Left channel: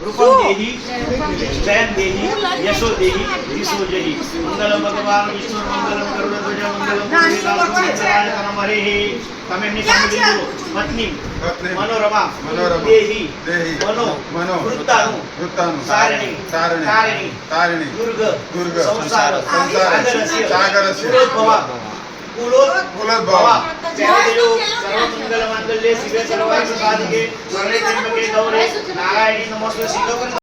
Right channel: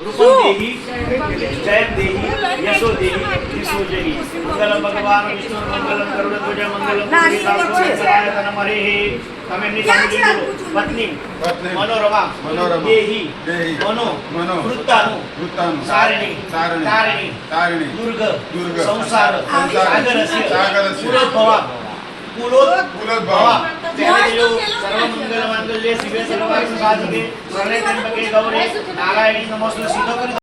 रूपम देहि जयं देहि यशो देहि यशो देहि मंगलम भगवान विष्णु मंगलम गरुड़ध्वज मंगलम पुरुषोत्तम हरेः कमेन्नी बोलो पत्नी मनोरमा देहि मनो वृत्तानु सारिणी तारिणी दुर्ग संसार सागरस्य कुलोद्भव सर्वमंगल मांगल्ये शिवे सर्वार्थ साधके शरणे त्र्यंबके गौरी नारायणी नमोस्तुते शीतोपरि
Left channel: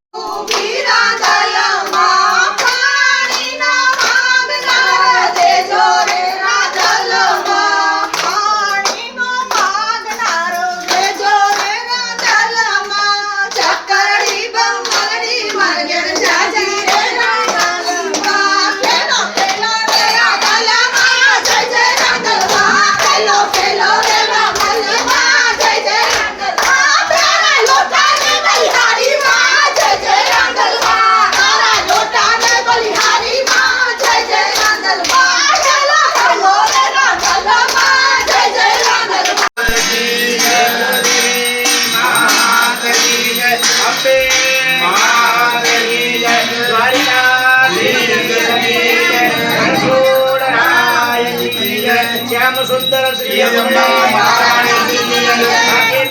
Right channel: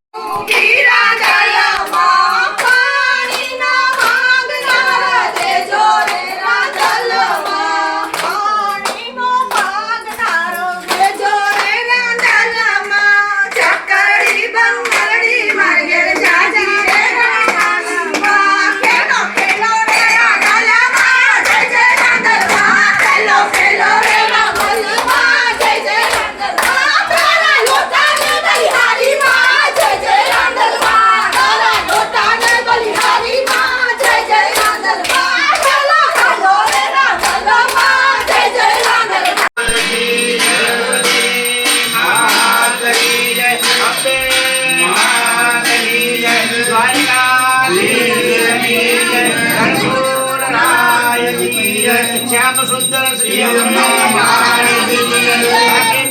श्याम सुंदर श्री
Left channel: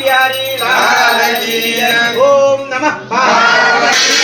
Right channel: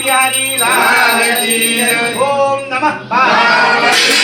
बिहारी ओम नमः पार्वती